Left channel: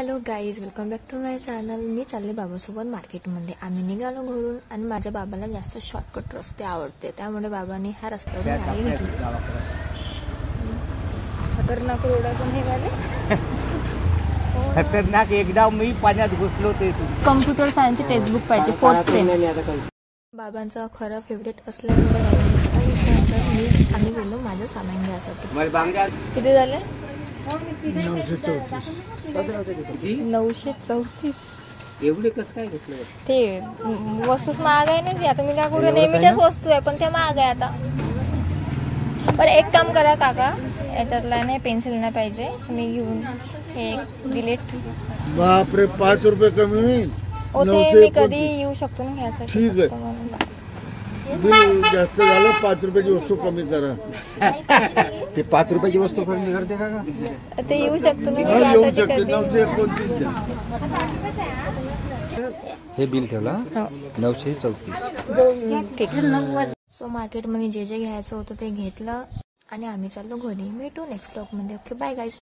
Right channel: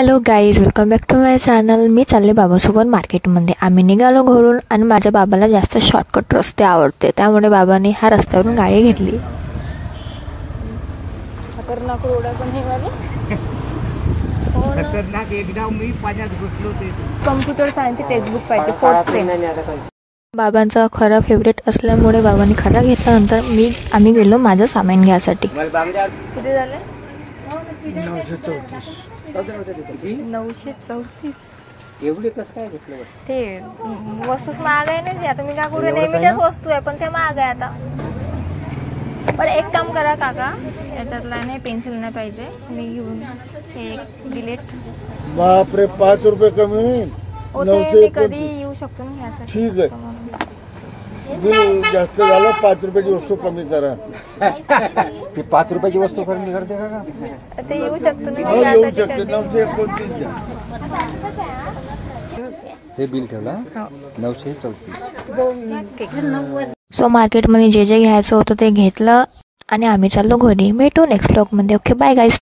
Hello guys, welcome back to my channel. मी चालले बाबासोबत मार्केटमध्ये. आम्ही निघालो घरून आणि माझ्या बाबाला जास्त शॉर्टकट रस्ते आवडते, त्यामुळे बाबाने हा रस्त्यावरून गाडी घेतली. खतरनाक रोड आहे पण हे वाले. खतरनाक. एकदा मी पाण्यात घुसलो ते. कम्प्युटर सायन्सची टेक्स्टबुक पाहिजे, फोर्थ सेम. बाबांचा खरा फेवरेट असल्यामुळे बाबांनी खरा घेतल्यानंतर आम्ही गेलो माझं सामान घ्यायसाठी. किती झाले? 934. एवढे कसं काय घेतलं? ते वस्तूच महाग आहे ना. आता मी काय करू, नेहमीच्याच वस्तू आहे पण ते महाग आहे आता. पण एक काम करा काका, याच्यातला नाही पेन्सिल नाही पाहिजे, मी घेऊन हे एक डिलीट. बापरे, 5 रुपये कमी होईल. ओके, मी कधी येऊ शकतो ना घ्यायसाठी. ठीक आहे, जास्त झालं 5 रुपयाची वस्तू कमी करा. ते 5 रुपयाची वस्तू कमी करते का? ते येऊ शकतो ना येऊ घ्यायसाठी शकते. कधी. 929 द्या. हे बिल ठेवला 934. सो मार्केटमध्ये जे जे घ्यायचं होतं ते घेतलं आणि आम्ही चाललो घरी. भेटू नेक्स्ट ब्लॉगमध्ये. Okay, bye guys.